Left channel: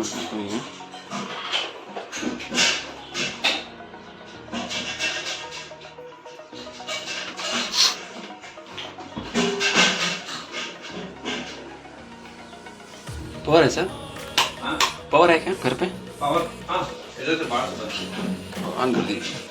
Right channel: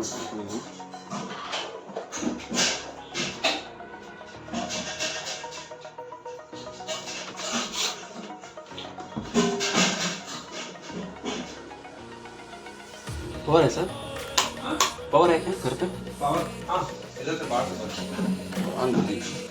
Automatic नहीं है। Power है सर? हाँ? पावर है क्या घर पे? पावर हाँ, इधर से बाहर ऑन कर दीजिए।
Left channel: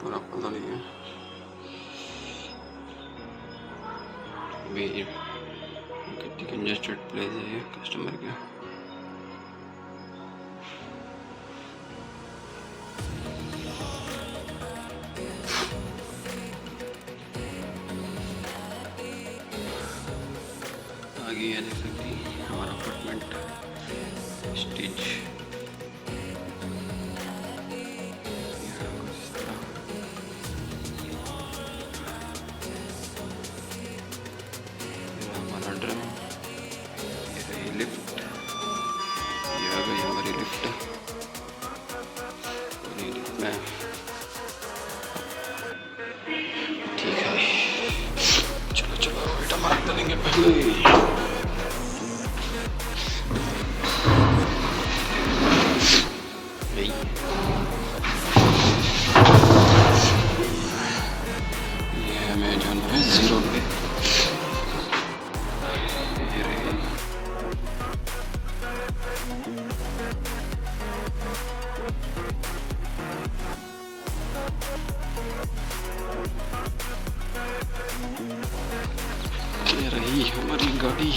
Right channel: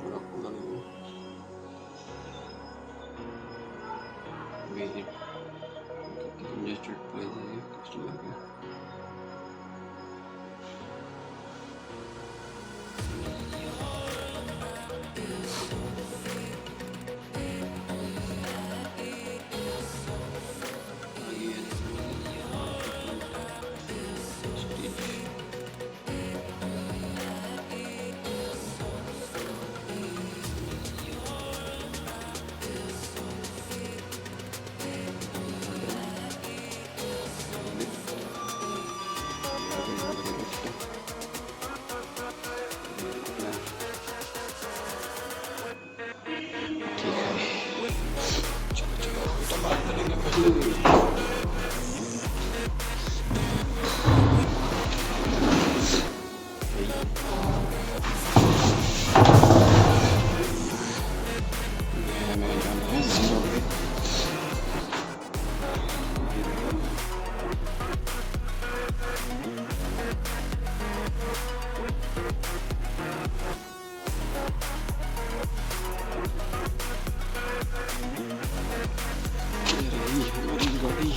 पूरा बदल ही है। कंजेस्टेड प्लेस है ये कस्टमर के। आगे है देख सकते हैं हमारा अपार्टमेंट स्टेज। चलो चलो बेटा मार चलेंगे पहले। हमें जाना है 0 पे। ये रही हमारी गाड़ी।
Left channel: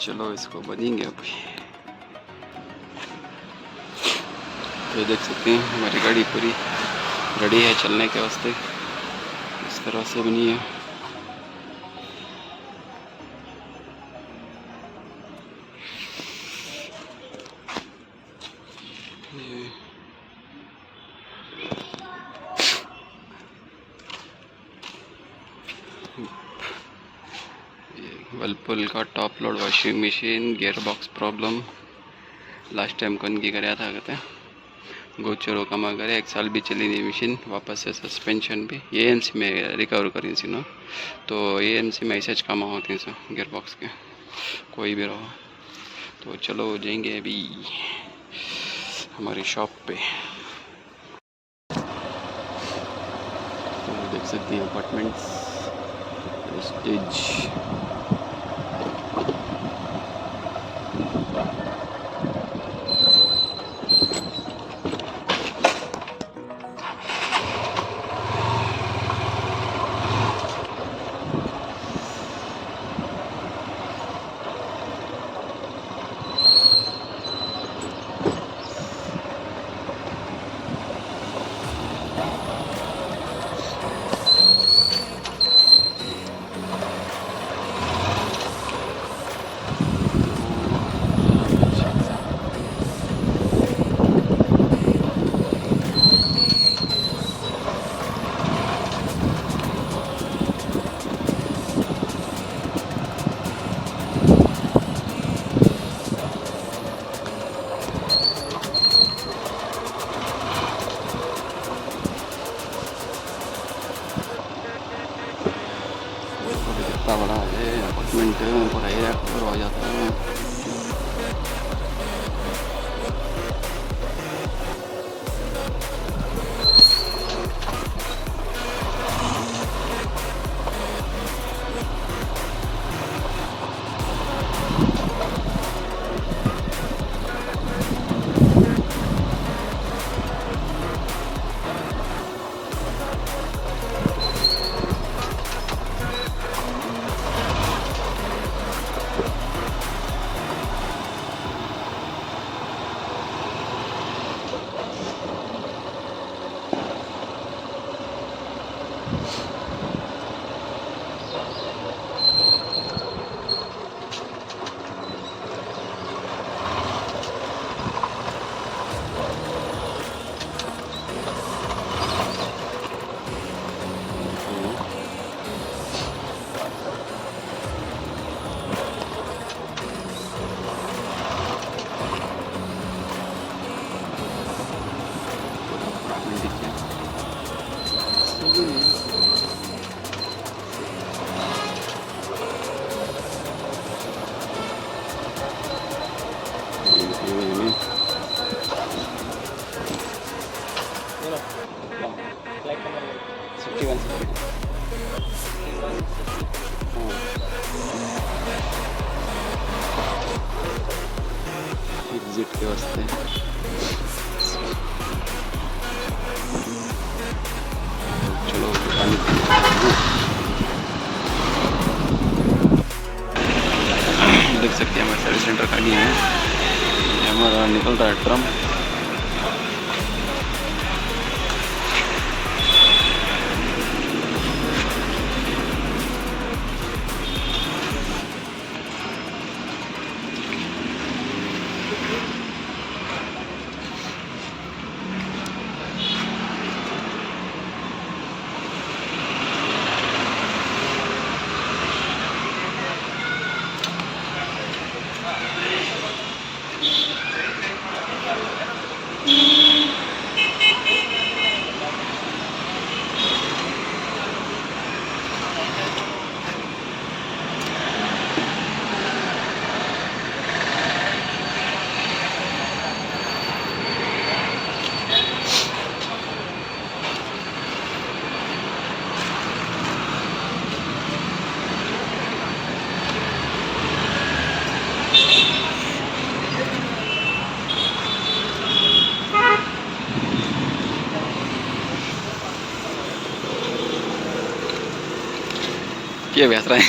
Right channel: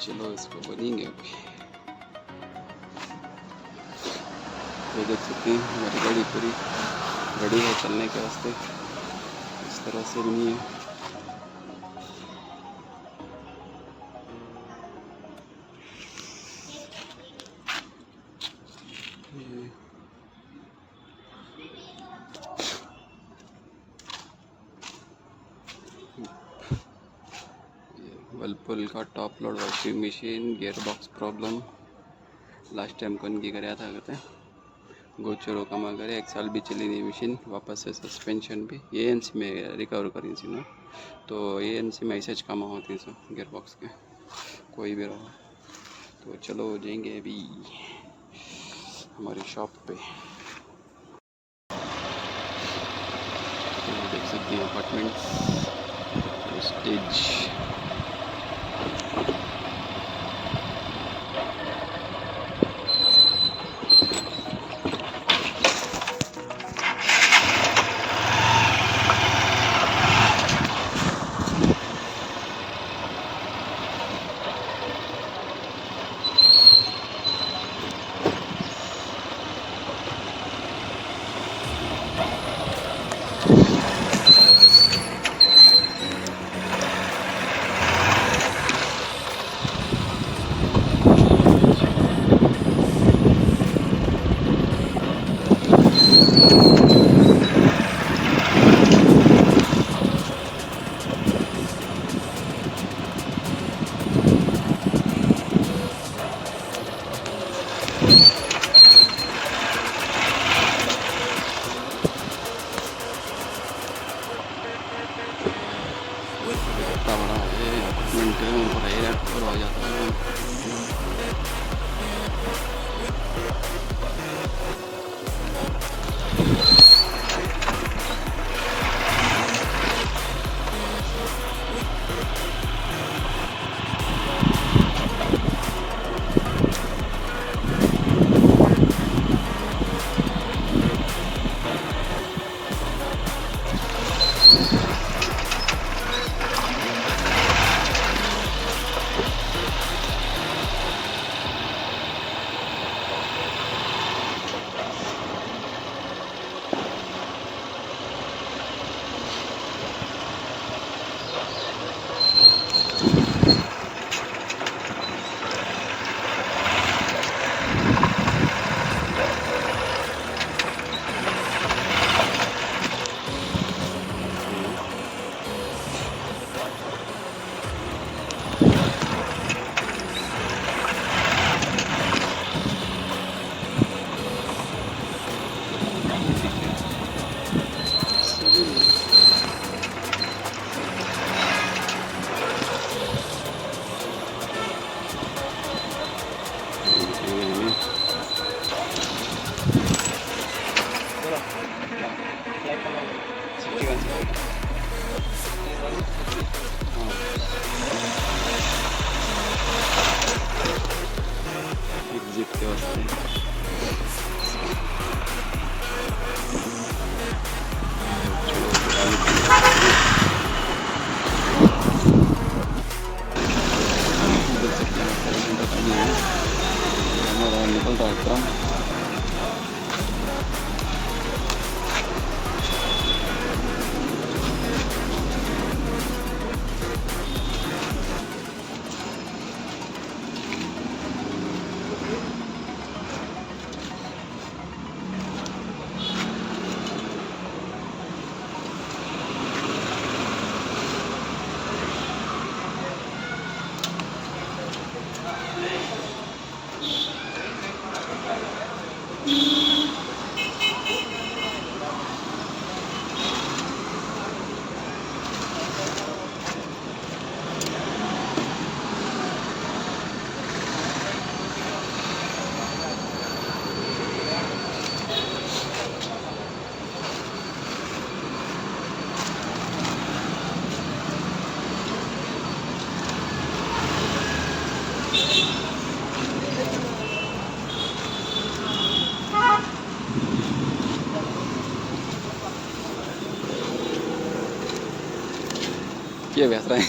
चलो इसको बनेंगे अभी। तो देख सकते हैं हमारी गाड़ी पूरी रेडी है चलने के वास्ते। इस तरह से बनी है। ये वर्लपूल का top load washing machine gear box problem. Last time कौन की कराया था कहते हैं गोचरो कमा करे 1 साल भी चली नहीं मशीन। वापस से सस्पेंशन भी एएमसी में रिकवर करी थी ना, तो एएमसी में ऐसे ज काम होते हैं सर गियर बॉक्स के कोई भी रहो। तो चलो जाएंगे अभी हमारी शॉप पे। तो देख सकते हैं अपार्टमेंट स्टेज। कितना बड़ा है अपार्टमेंट पूरा एरिया कवर हो जाता है। चलो पानी देख सकते हैं हमारे सर्विस सेंटर खाली है। ये हमारा निकल रहा है ड्रम। क्या बेच रहा है?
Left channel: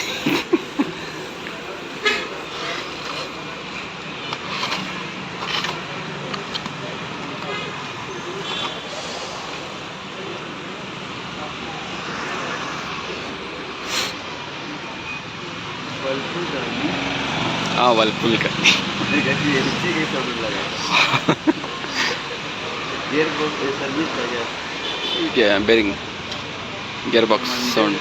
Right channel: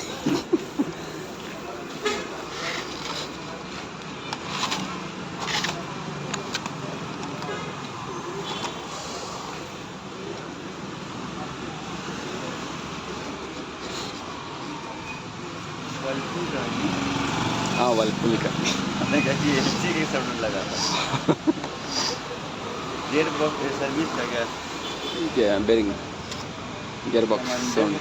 हाँ वर्लपूल का गियर बॉक्स सर्विस का क्या क्या bearing gear box sound.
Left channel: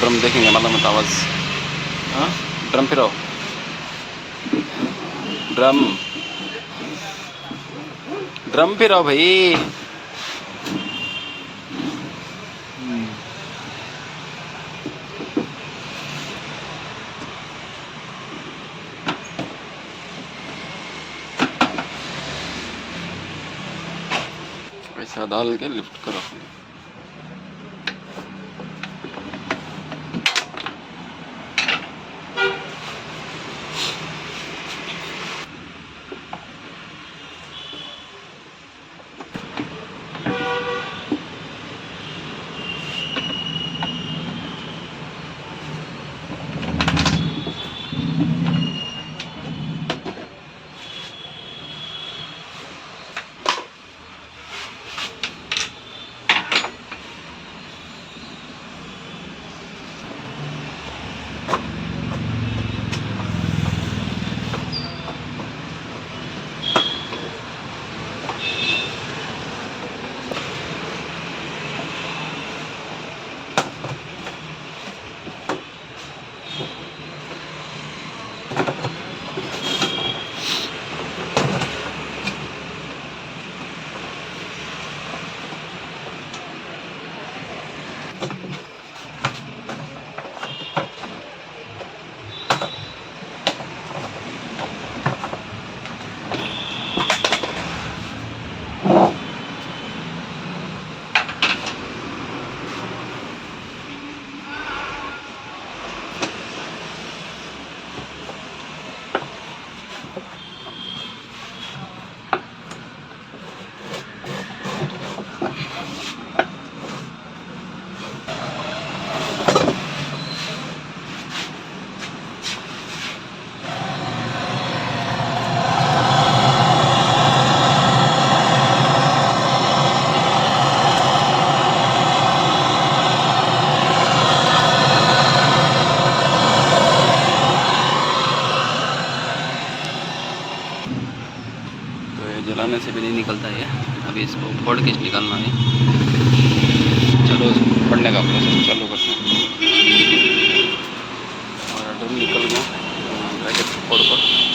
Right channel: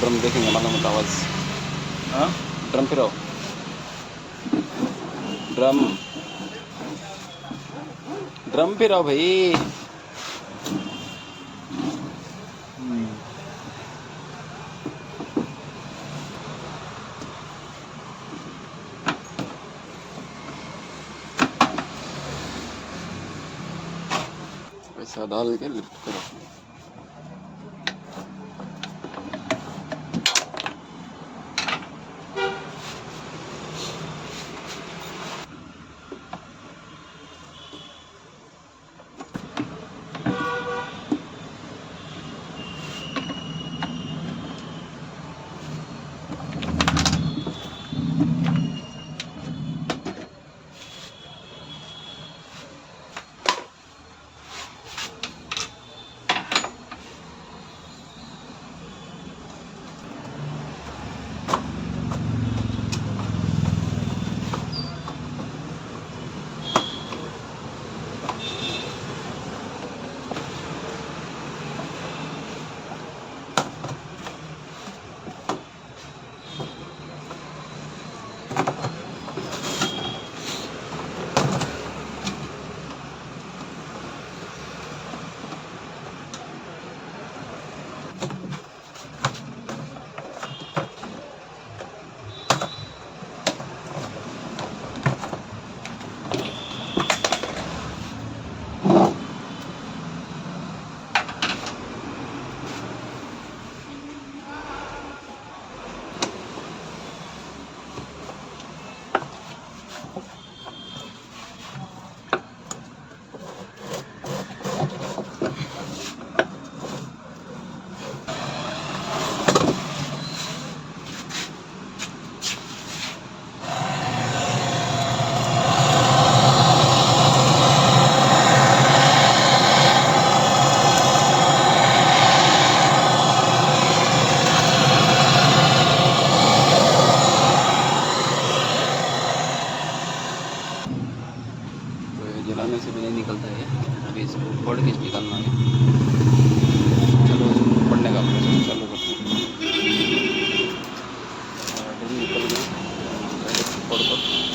Drum देखेंगे मतलब मत आवाज़। हाँ ड्रम फिराओ ड्रम ड्रम फिराओ भाई। ऐसा डाल के लिफ्ट करो। जलाने से भी नहीं निकलता है। अभी इसको फोड़ के निकालना है। चलो पढ़ने का प्रोसेस चालू करते हैं। और ड्रम निकल गया ब्रैकेट फोड़ कर